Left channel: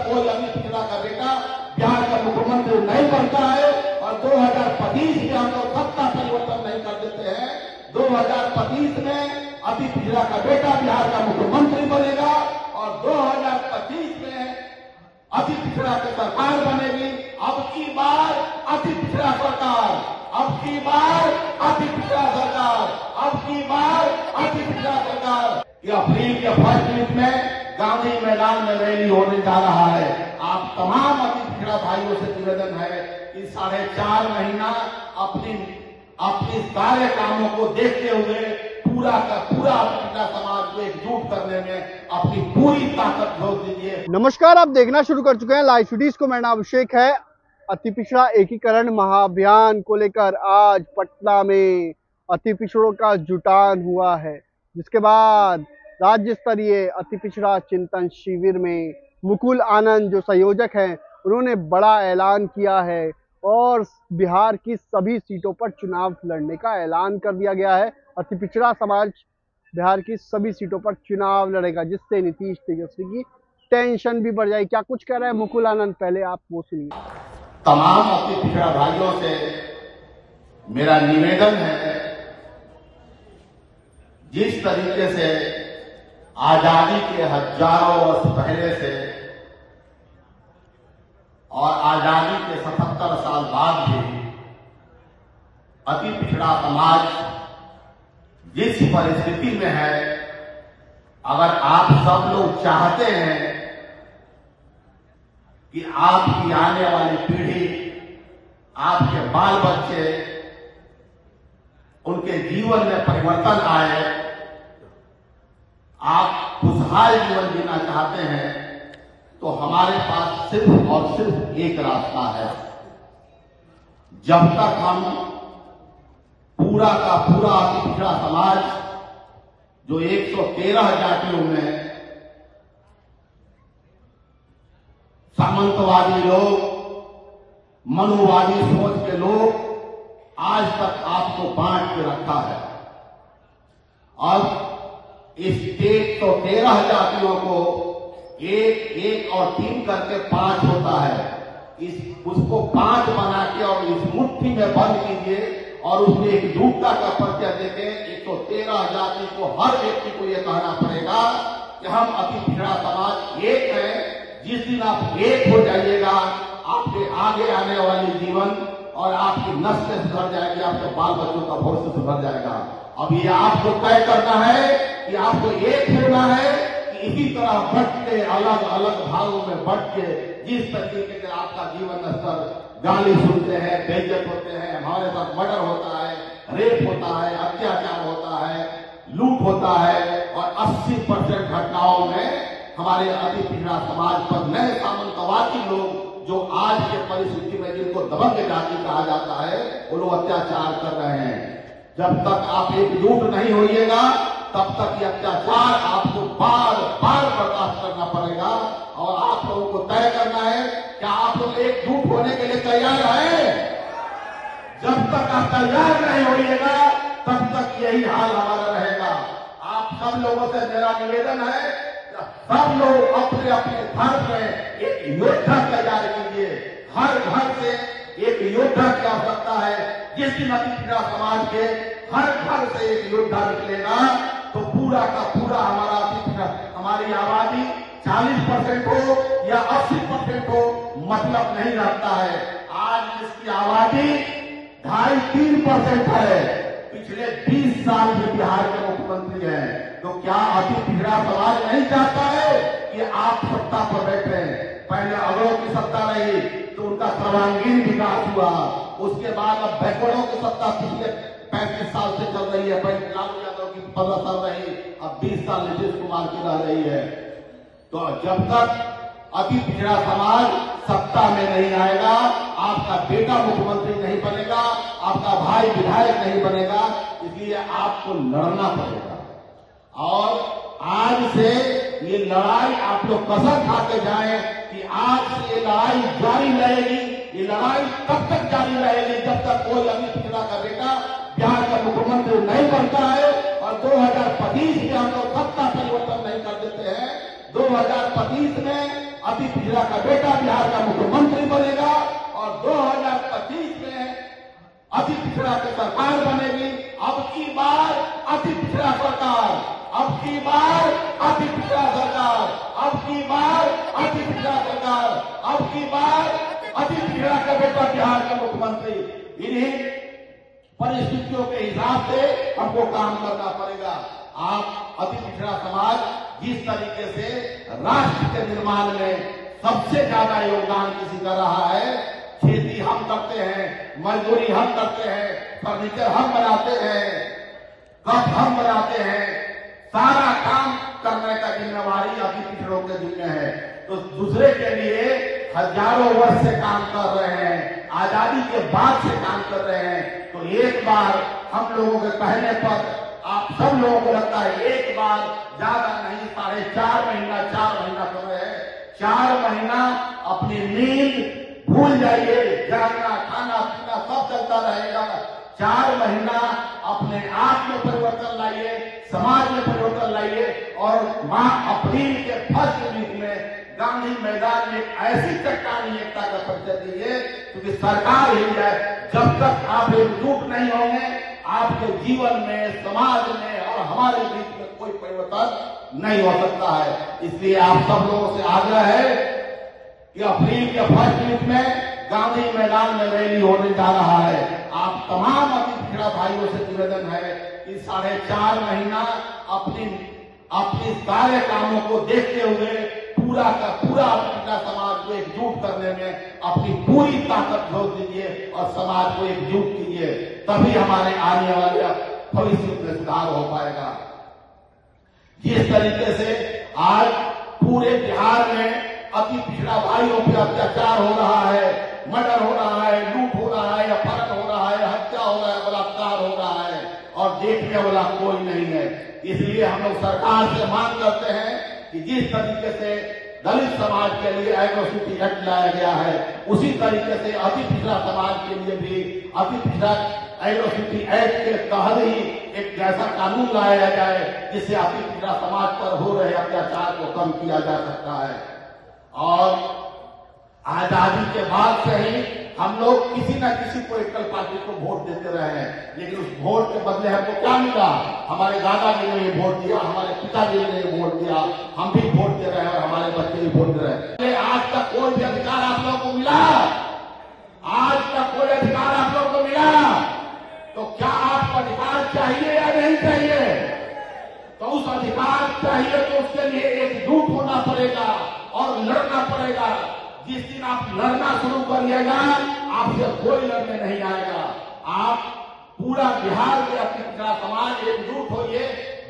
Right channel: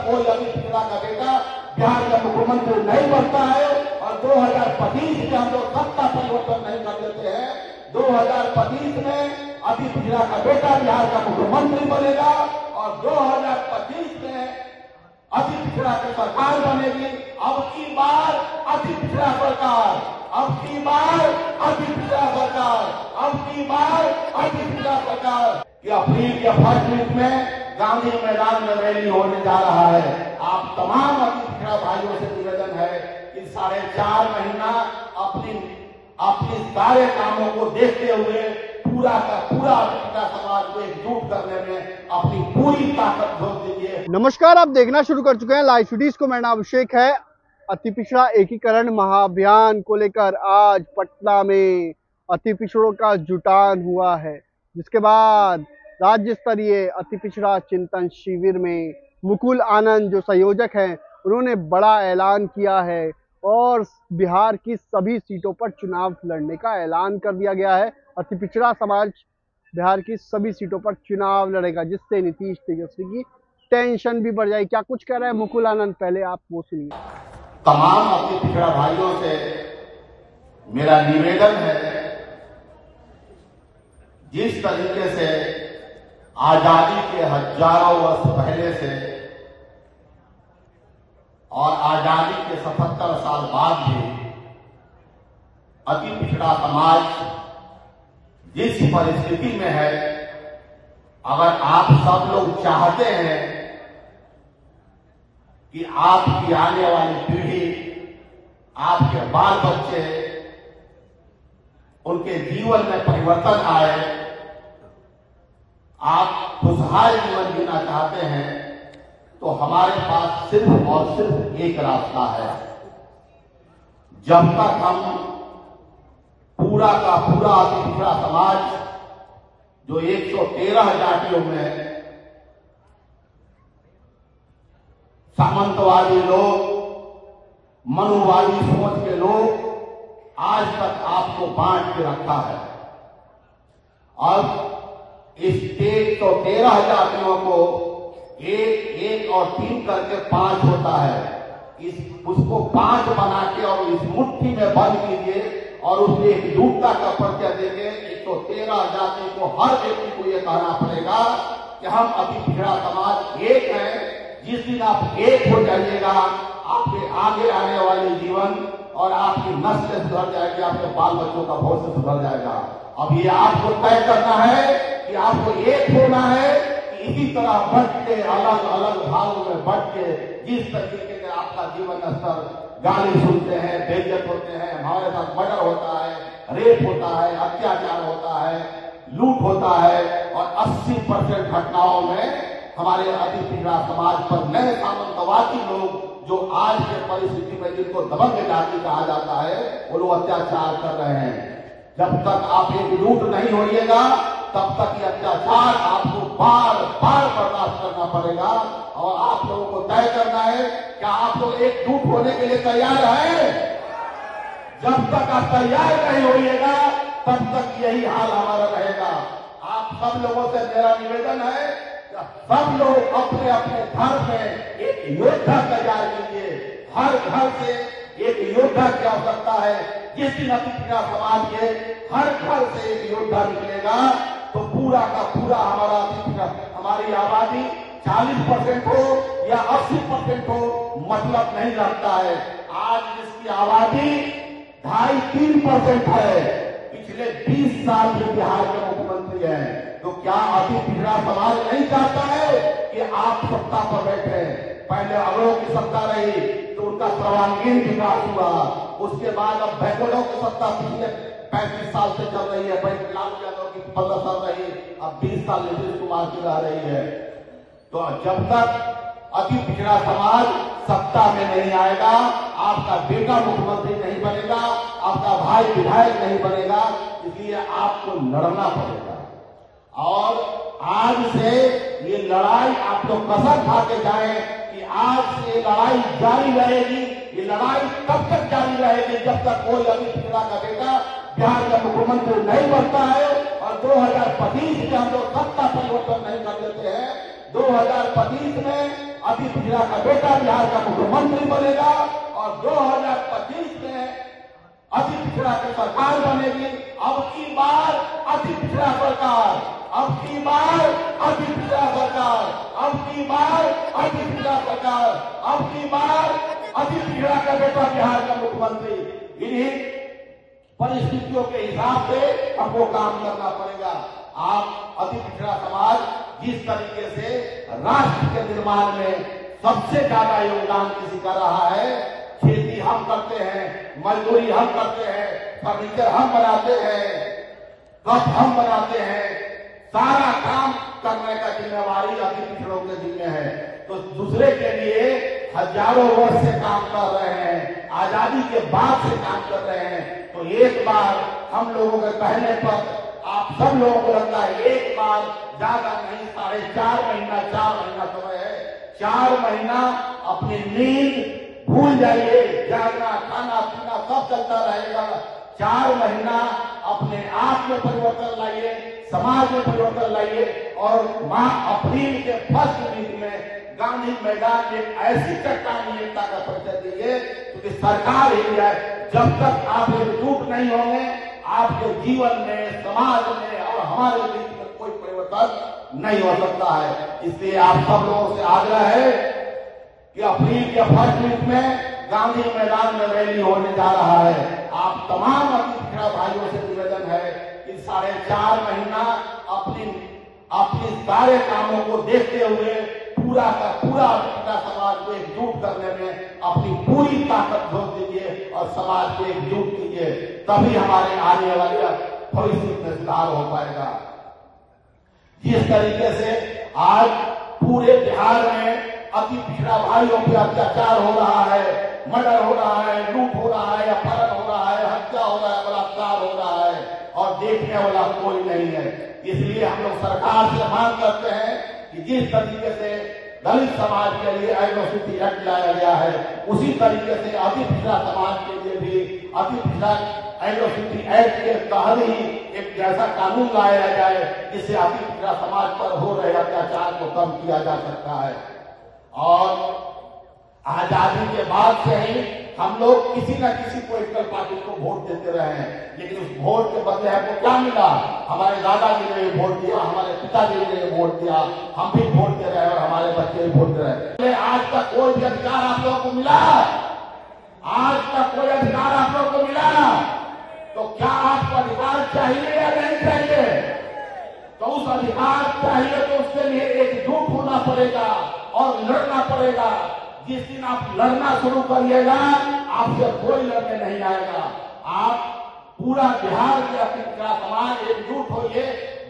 तक कोई अभी पिछड़ा का बेटा बिहार का मुख्यमंत्री नहीं बनता है और 2025 में हम लोग सत्ता परिवर्तन नहीं कर देते हैं, 2025 में अभी पिछड़ा का बेटा बिहार का मुख्यमंत्री बनेगा और 2025 में अति पिछड़ा की सरकार बनेगी। अब की बार अति पिछड़ा सरकार, अब की बार अति पिछड़ा सरकार, अब की बार अति पिछड़ा सरकार। ये अप्रैल या फरवरी में गांधी मैदान में रैली होने जा रहा है। आप तमाम अति पिछड़ा भाइयों से निवेदन है कि 4.5 महीना अपनी सारे कामों को देखते हुए पूरा का पूरा पिछड़ा समाज को एकजुट करने में अपनी पूरी ताकत झोंक दीजिए। नमस्कार, आप देखना शुरू कर चुके हैं लाइव सिटीज को। मेरा नाम अभिषेक है। अति पिछड़ा एकीकरण महाअभियान को लेकर आज पटना में अति पिछड़ों का जुटान हुआ है, जिसके बाद राज्य स्तरीय अति पिछड़ा चिंतन शिविर में मुकुल आनंद जो संयोजक हैं, उन्होंने बड़ा ऐलान किया है और बिहार की सभी सीटों पर चुनाव लड़ने का ऐलान कर दिया गया है। अति पिछड़ा समाज बिहार की सभी सीटों पर चुनाव लड़ेगा, जिससे नीतीश तेजस्वी की टेंशन भी बढ़ जाएगी। क्या कुछ कह रहे हैं मुकुल आनंद, पहले आप वो सुनिए। तमाम अति पिछड़ा भाइयों से मेरा निवेदन है, जिस तरीके से आजादी के हजारों वर्ष पहले से और आजादी के 77 साल बाद भी अति पिछड़ा समाज जिस परिस्थिति में है, अगर आप सब लोग चाहते हैं कि आपकी आने वाली पीढ़ी, आपके बाल बच्चे, उनके जीवन में परिवर्तन आए, आप खुशहाल जीवन जीना चाहते हैं, तो हमारे पास सिर्फ और सिर्फ एक रास्ता है। जब तक हम पूरा का पूरा अति पिछड़ा समाज जो 113 जातियों में सामंतवादी लोग, मनुवादी सोच के लोग आज तक आपको बांट के रखा है, और इस 113 जातियों को 1 और 3 करके 5 होता है। उसको 5 बना के और इस मुट्ठी में बंद कीजिए और उसमें एकजुटता का परिचय देके 113 जाति को, हर व्यक्ति को यह कहना पड़ेगा कि हम अति पिछड़ा समाज एक है। जिस दिन आप एक हो जाइएगा, आपके आगे आने वाले जीवन और आपकी नस्ल सुधर जाएगी, आपके बाल बच्चों का भविष्य सुधर जाएगा। अब ये आपको तय करना है कि आपको एक होना है कि इसी तरह बढ़ के अलग अलग भागों में बढ़ के जिस तरीके से आपका जीवन स्तर, गाली सुनते हैं, बेइज्जत होते हैं, हमारे साथ मर्डर होता है, रेप होता है, अत्याचार होता है, लूट होता है, और 80% घटनाओं में हमारे अति पिछड़ा समाज पर नए सामंतवादी लोग जो आज के परिस्थिति में जिनको दबंग जाति कहा जाता है, वो लोग अत्याचार कर रहे हैं। जब तक आप एकजुट नहीं होइएगा, तब तक ये अत्याचार आपको बार बार बर्दाश्त करना पड़ेगा। और आप लोगों को तय करना है कि आप लोग एकजुट होने के लिए तैयार हैं। जब तक आप तैयार नहीं होइएगा, तब तक यही हाल हमारा रहेगा। आप सब लोगों से मेरा निवेदन है, सब लोग अपने अपने घर में एक योद्धा तैयार कीजिए। हर घर से एक योद्धा की आवश्यकता है। जिस दिन अति पिछड़ा समाज के हर घर से एक योद्धा निकलेगा, तो पूरा का पूरा हमारा अति पिछड़ा, हमारी आबादी 40% हो या 80% हो, मतलब नहीं रखता है। आज इसकी आबादी 2.5-3% है। पिछले 20 साल में बिहार के मुख्यमंत्री हैं, तो क्या अति पिछड़ा समाज नहीं चाहता है कि आप सत्ता पर बैठे? पहले अगड़ों की सत्ता रही तो उनका सर्वांगीण विकास हुआ, उसके बाद अब बैकवर्डों की सत्ता पिछले 35 साल से चल रही है। पहले लालू यादव की 15 साल रही, अब 20 साल नीतीश कुमार की रह रही है। तो जब तक अति पिछड़ा समाज सत्ता में नहीं आएगा, आपका बेटा मुख्यमंत्री नहीं बनेगा, आपका भाई विधायक नहीं बनेगा, इसलिए आपको लड़ना पड़ेगा। और आज से ये लड़ाई आप लोग कसम खाते जाएं कि आज से ये लड़ाई जारी रहेगी। ये लड़ाई तब तक जारी रहेगी जब तक कोई अभी पिछड़ा का बेटा बिहार का मुख्यमंत्री नहीं बनता है और 2025 में हम लोग सत्ता परिवर्तन नहीं कर देते हैं। 2025 में अति पिछड़ा का बेटा बिहार का मुख्यमंत्री बनेगा और 2025 में अति पिछड़ा की सरकार बनेगी। अब की बार अति पिछड़ा सरकार, अब की बार अति पिछड़ा सरकार, अब की बार अति पिछड़ा सरकार, अब की बार अति पिछड़ा का बेटा बिहार का मुख्यमंत्री। इन्हीं परिस्थितियों के हिसाब से हमको काम करना पड़ेगा। आप अति पिछड़ा समाज जिस तरीके से राष्ट्र के निर्माण में सबसे ज्यादा योगदान किसी कर रहा है, खेती हम करते हैं, मजदूरी हम करते हैं, फर्नीचर हम बनाते हैं, कप हम बनाते हैं, सारा काम करने का जिम्मेवारी अति पिछड़ों के जिम्मे है। तो दूसरे के लिए हजारों वर्ष से काम कर रहे हैं, आजादी के बाद से काम कर रहे हैं। तो एक बार हम लोगों के कहने पर आप सब लोगों को लगता है एक बार ज्यादा नहीं, 4.5 महीना 4 महीना समय है, 4 महीना अपनी नींद भूल जाइए, जागना खाना पीना सब चलता रहेगा। 4 महीना अपने आप में परिवर्तन लाइए, समाज में परिवर्तन लाइए और मां अप्रैल के फर्स्ट वीक में गांधी मैदान में ऐसी चट्टानी एकता का परिचय दीजिए क्योंकि सरकार हिल जाए। जब तक आप एकजुट नहीं होंगे आपके जीवन में, समाज में और हमारे बीच में कोई परिवर्तन नहीं हो सकता है। इसलिए आप सब लोगों से आग्रह है कि अप्रैल के फर्स्ट वीक में गांधी मैदान में रैली होने जा रहा है। आप तमाम अति पिछड़ा भाइयों से निवेदन है कि 4.5 महीना अपनी सारे कामों को देखते हुए पूरा का पूरा पिछड़ा समाज को एकजुट करने में अपनी पूरी ताकत झोंक दीजिए और समाज को एकजुट कीजिए, तभी हमारे आने वाले भविष्य में सुधार हो पाएगा। जिस तरीके से आज पूरे बिहार में अति पिछड़ा भाइयों पर अत्याचार हो रहा है, मर्डर हो रहा है, लूट हो रहा है, अपहरण हो रहा है, हत्या हो रहा है, बलात्कार हो रहा है और देखने वाला कोई नहीं है। इसलिए हम लोग सरकार से मांग करते हैं कि जिस तरीके से दलित समाज के लिए एट्रोसिटी एक्ट लाया गया है, उसी तरीके से अति पिछड़ा समाज के लिए भी अति पिछड़ा एट्रोसिटी एक्ट के तहत ही एक ऐसा कानून लाया जाए जिससे अति पिछड़ा समाज पर हो रहे अत्याचार को कम किया जा सकता है। और आजादी के बाद से ही हम लोग किसी न किसी पॉलिटिकल पार्टी को वोट देते रहे हैं, लेकिन उस वोट के बदले हमको क्या मिला? हमारे दादाजी ने वोट दिया, हमारे पिताजी ने वोट दिया, हम भी वोट दे रहे हैं और हमारे बच्चे भी वोट दे रहे हैं। आज तक कोई भी अधिकार आप लोगों को मिला? आज तक कोई अधिकार आप लोगों को मिला? तो क्या आपका अधिकार चाहिए या नहीं चाहिए? तो उस अधिकार चाहिए तो उसके लिए एकजुट होना पड़ेगा और लड़ना पड़ेगा। जिस दिन आप लड़ना शुरू करिएगा आपसे कोई लड़ने नहीं आएगा। आप पूरा बिहार के अति पिछड़ा समाज एकजुट होइए।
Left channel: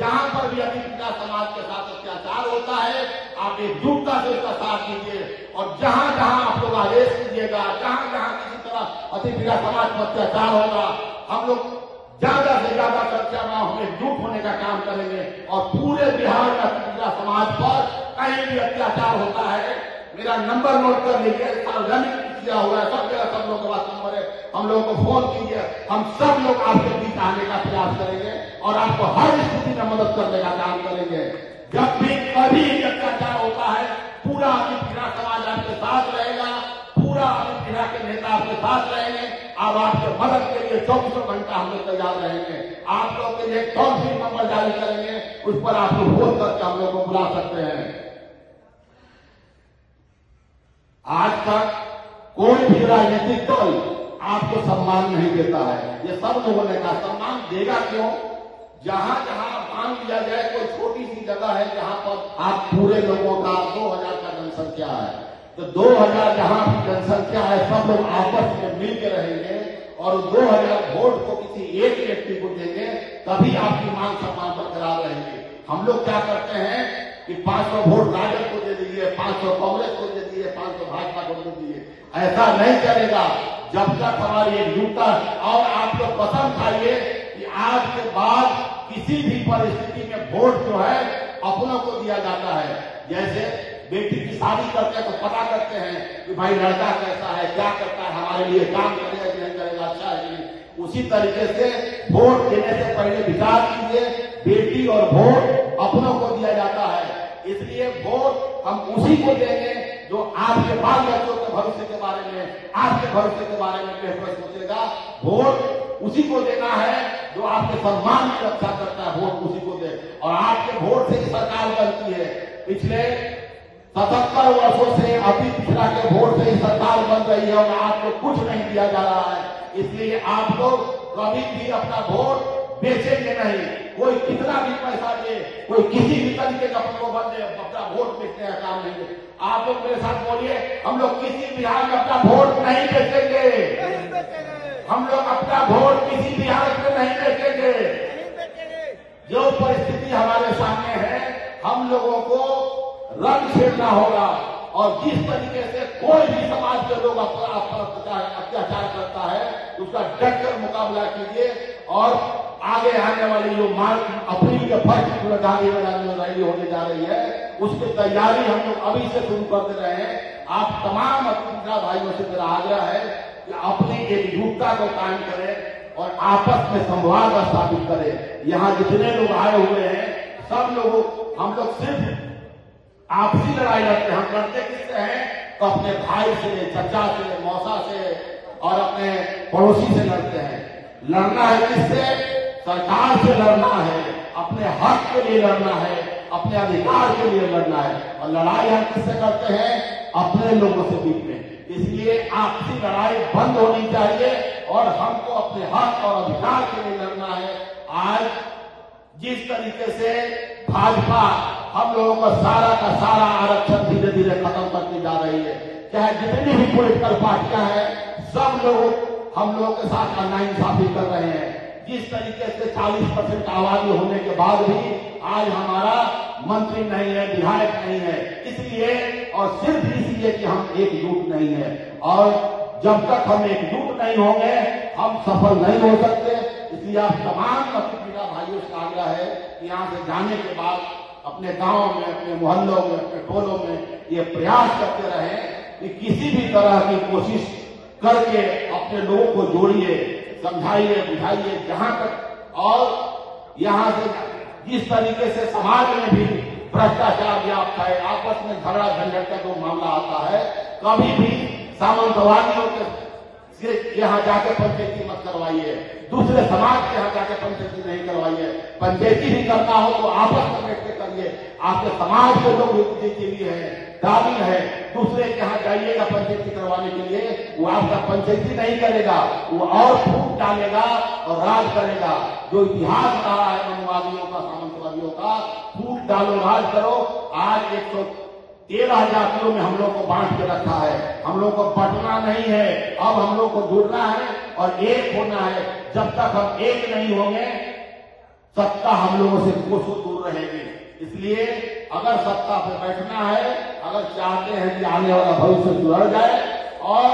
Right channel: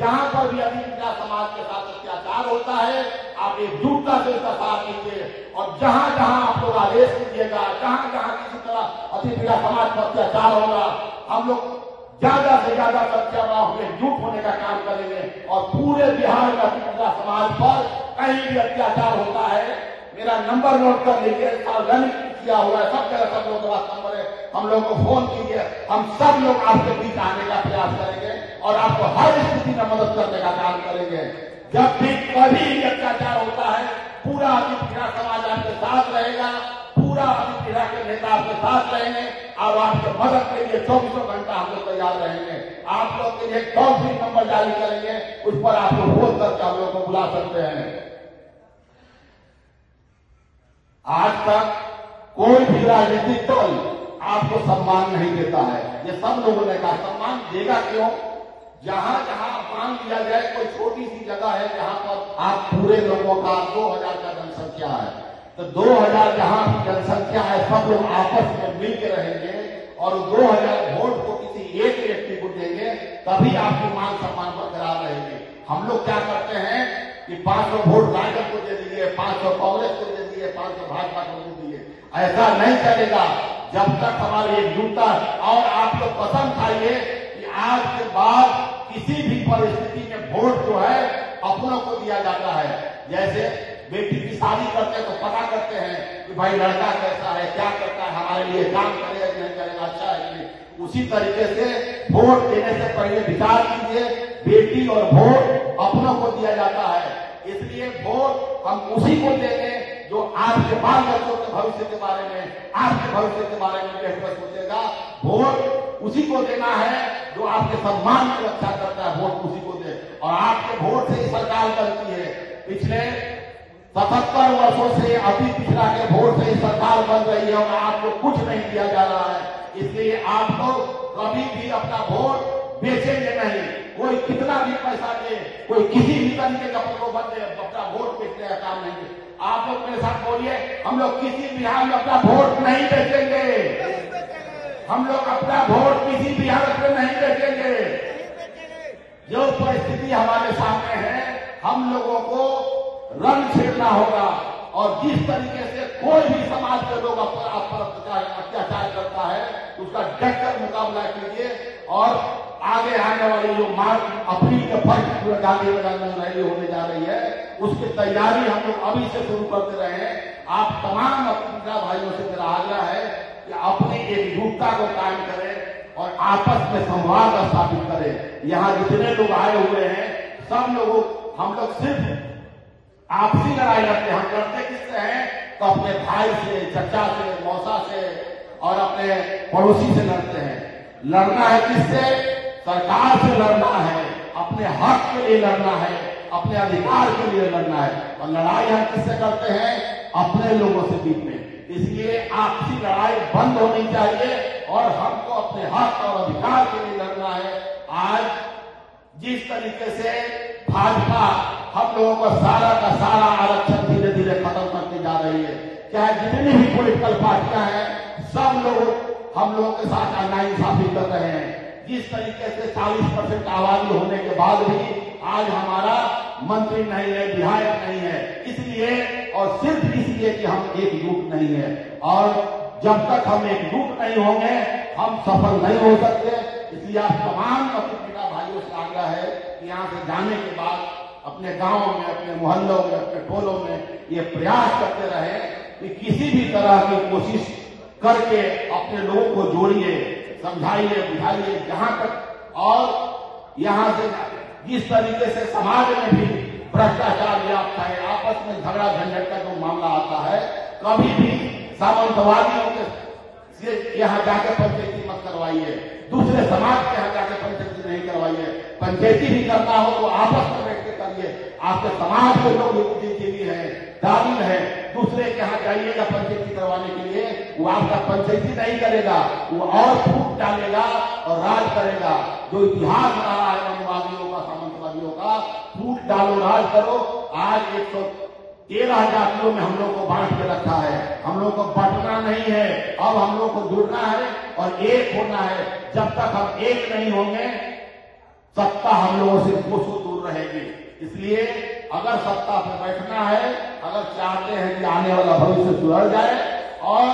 जहां पर भी अति पिछड़ा समाज के साथ अत्याचार होता है आप एकजुटता से उसका साथ दीजिए और जहां जहां आप लोग आदेश कीजिएगा, जहां जहां किसी तरह अति पिछड़ा समाज पर अत्याचार होगा, हम लोग ज्यादा से ज्यादा संख्या में हम एकजुट होने का काम करेंगे और पूरे बिहार का अति पिछड़ा समाज पर कहीं भी अत्याचार होता है, मेरा नंबर नोट कर लीजिए, सार्वजनिक किया हुआ है, सब जगह सब लोगों के पास नंबर है, हम लोगों को फोन कीजिए, हम सब लोग आपके बीच आने का प्रयास करेंगे और आपको हर स्थिति में मदद करने का काम करेंगे। जब भी कभी अत्याचार होता है पूरा अति पिछड़ा समाज आपके साथ रहेगा, पूरा अति पिछड़ा के नेता आपके साथ रहेंगे और आपके मदद के लिए 24 घंटा हम लोग तैयार रहेंगे। आप लोग के लिए टोल फ्री नंबर जारी करेंगे, उस पर आप लोग फोन करके हम लोग को बुला सकते हैं। आज तक कोई भी राजनीतिक दल आपको सम्मान नहीं देता है। ये सब लोगों ने कहा सम्मान देगा क्यों? जहां जहां मान दिया जाए कोई छोटी सी जगह है जहां पर आप पूरे लोगों का 2000 का जनसंख्या है, तो 2000 जहां की जनसंख्या है सब लोग आपस में मिलकर रहेंगे और 2000 वोट को किसी एक व्यक्ति को देंगे, तभी आपकी मान सम्मान बरकरार रहेगी। हम लोग क्या करते हैं कि 500 वोट राजद को दे दीजिए, 500 कांग्रेस को दे दीजिए, 500 भाजपा को दे दीजिए, ऐसा नहीं चलेगा जब तक हमारी एकजुटता। और आप लोग कसम खाइए कि आज के बाद किसी भी परिस्थिति में वोट जो है अपनों को दिया जाता है। जैसे बेटी की शादी करते हैं तो पता करते हैं कि भाई लड़का कैसा है, क्या करता है, हमारे लिए काम करेगा कि नहीं करेगा, अच्छा है कि नहीं। उसी तरीके से वोट देने से पहले विचार कीजिए, बेटी और वोट अपनों को दिया जाता है, इसलिए वोट हम उसी को देंगे जो आपके बाल बच्चों के भविष्य के बारे में, आपके भविष्य के बारे में बेहतर सोचेगा। वोट उसी को देना है जो आपके सम्मान की रक्षा करता है, वोट उसी को दे। और आपके वोट से ही सरकार बनती है। पिछले 77 वर्षों से अति पिछड़ा के वोट से ही सरकार बन रही है और आपको कुछ नहीं दिया जा रहा है। इसलिए आप लोग कभी भी अपना वोट बेचेंगे नहीं। कोई कितना भी पैसा दे, कोई किसी भी तरीके का प्रलोभन दे, अपना वोट बेचने का काम नहीं। आप लोग मेरे साथ बोलिए, हम लोग किसी बिहार में अपना वोट नहीं बेचेंगे। हम लोग अपना वोट किसी भी हालत में नहीं बेचेंगे। जो परिस्थिति हमारे सामने है, हम लोगों को रंग छेड़ना होगा। और जिस तरीके से कोई भी समाज के लोग अत्याचार करता है, उसका डटकर मुकाबला कीजिए। और आगे आने वाली जो मार्च अप्रैल के फर्स्ट गांधी मैदान में रैली होने जा रही है, उसकी तैयारी हम लोग अभी से शुरू कर दे रहे हैं। आप तमाम अपने भाइयों से मेरा आग्रह है कि अपनी एकजुटता को कायम करें और आपस में संवाद स्थापित करें। यहाँ जितने लोग आए हुए हैं, सब लोगों, हम लोग सिर्फ आपसी लड़ाई लड़ते हैं। हम लड़ते किससे हैं? तो अपने भाई से, चचा से, मौसा से और अपने पड़ोसी से लड़ते हैं। लड़ना है किससे? सरकार से लड़ना है, अपने हक के लिए लड़ना है, अपने अधिकार के लिए लड़ना है। और लड़ाई हम किससे करते हैं? अपने लोगों से बीच में। इसलिए आपसी लड़ाई बंद होनी चाहिए और हमको अपने हक और अधिकार के लिए लड़ना है। आज जिस तरीके से भाजपा हम लोगों को सारा का सारा आरक्षण धीरे धीरे खत्म करती जा रही है, चाहे जितनी भी पॉलिटिकल पार्टियां हैं, सब लोग हम लोगों के साथ नाइंसाफी कर रहे हैं। जिस तरीके से 40% आबादी होने के बाद भी आज हमारा मंत्री नहीं है, विधायक नहीं है, इसलिए और सिर्फ इसलिए कि हम एकजुट नहीं है। और जब तक हम एकजुट नहीं होंगे, हम सफल नहीं हो सकते। इसलिए आप तमाम अपने भाइयों से आग्रह है कि यहाँ से जाने के बाद अपने गांव में, अपने मोहल्लों में, अपने टोलों में ये प्रयास करते रहे कि किसी भी तरह की कोशिश करके अपने लोगों को जोड़िए, समझाइए, बुझाइए जहां तक। और यहां से जिस तरीके से समाज में भी भ्रष्टाचार व्याप्त है, आपस में झगड़ा झंझट का जो मामला आता है, कभी भी सामंतवादियों के यहाँ जाकर पंचायती मत करवाइए, दूसरे समाज के यहाँ जाकर पंचायती नहीं करवाइए। पंचायती भी करना हो तो आपस में बैठ के करिए। आपके समाज के लोग के लिए है, दाबिल है, दूसरे के यहाँ जाइएगा पंचायती करवाने के लिए, वो आपका पंचायती नहीं करेगा, वो और फूट डालेगा और राज करेगा। जो इतिहास रहा है मनवादियों का, सामंतवादियों का, फूट डालो, राज करो। आज 113 जातियों में हम लोग को बांट के रखा है। हम लोग को बंटना नहीं है, अब हम लोग को जुड़ना है और एक होना है। जब तक हम एक नहीं होंगे, सत्ता हम लोगों से कोसों दूर रहेगी। इसलिए अगर सत्ता पे बैठना है, अगर चाहते हैं कि आने वाला भविष्य सुधर जाए और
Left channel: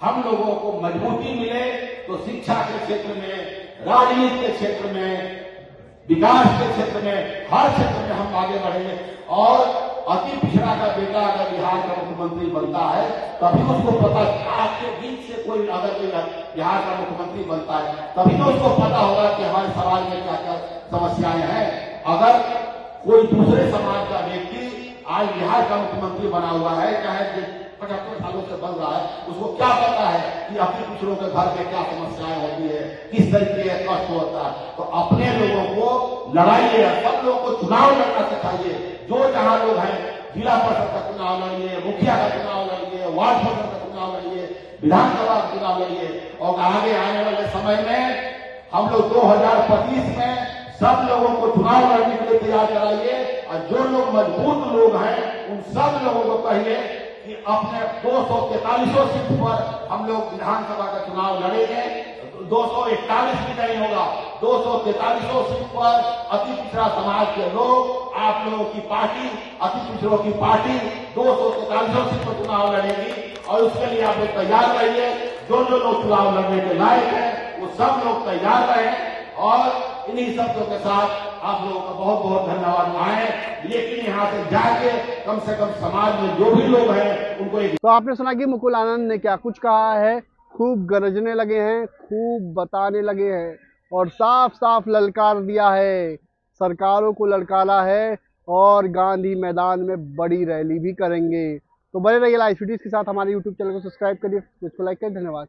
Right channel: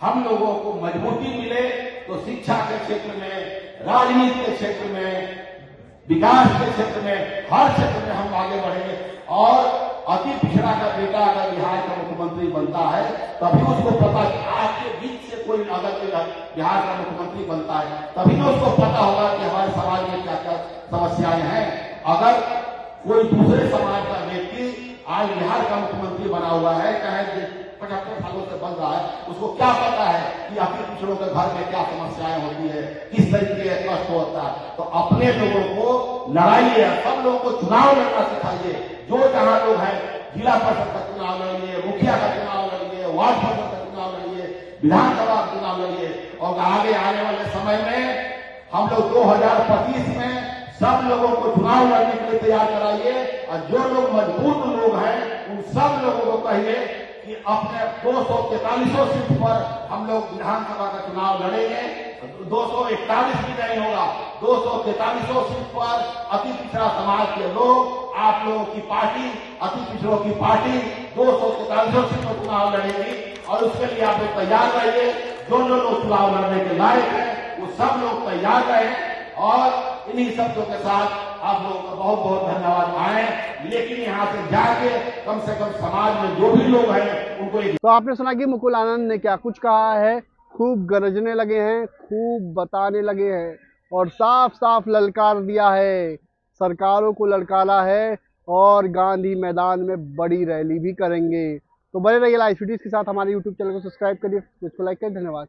हम लोगों को मजबूती मिले, तो शिक्षा के क्षेत्र में, राजनीति के क्षेत्र में, विकास के क्षेत्र में, हर क्षेत्र में हम आगे बढ़ेंगे। और अति पिछड़ा का बेटा अगर बिहार का मुख्यमंत्री बनता है, तभी उसको पता, आपके बीच से कोई अगर बिहार का मुख्यमंत्री बनता है, तभी तो उसको पता होगा कि हमारे समाज में क्या क्या समस्याएं हैं। अगर कोई दूसरे समाज का व्यक्ति आज बिहार का मुख्यमंत्री बना हुआ है, चाहे 75 सालों से बन रहा है, उसको क्या पता है कि अपने दूसरों के घर में क्या समस्याएं होती है, किस तरीके का कष्ट होता है। तो अपने लोगों को लड़ाइए, सब लोगों को चुनाव लड़ना सिखाइए। जो जहां लोग हैं, जिला परिषद का चुनाव लड़िए, मुखिया का चुनाव लड़िए, वार्ड परिषद का चुनाव लड़िए, विधानसभा का चुनाव लड़िए। और आगे आने वाले समय में हम लोग 2025 में सब लोगों को चुनाव लड़ने के लिए तैयार कराइए। और जो लोग मजबूत लोग हैं, उन सब लोगों को कहिए कि अपने 243 सीट पर हम लोग विधानसभा का चुनाव लड़ेंगे। 241 भी नहीं होगा, 243 सीट पर अति पिछड़ा समाज के लोग, आप लोगों की पार्टी, अति पिछड़ों की पार्टी 243 सीट पर चुनाव लड़ेगी। और उसके लिए आप लोग तैयार रहिए। जो लोग चुनाव लड़ने के लायक हैं, वो सब लोग तैयार रहे। और इन्हीं शब्दों के साथ आप लोगों का बहुत बहुत धन्यवाद आए। लेकिन यहाँ से जाके कम से कम समाज में जो भी लोग हैं उनको तो आपने सुना कि मुकुल आनंद ने क्या कुछ कहा है। खूब गरजने लगे हैं, खूब बताने लगे हैं और साफ साफ ललकार दिया है, सरकारों को ललकारा है और गांधी मैदान में बड़ी रैली भी करेंगे। तो बने रहिए लाइव वीडियोस के साथ, हमारे यूट्यूब चैनल को सब्सक्राइब करिए, इसको लाइक करिए। धन्यवाद।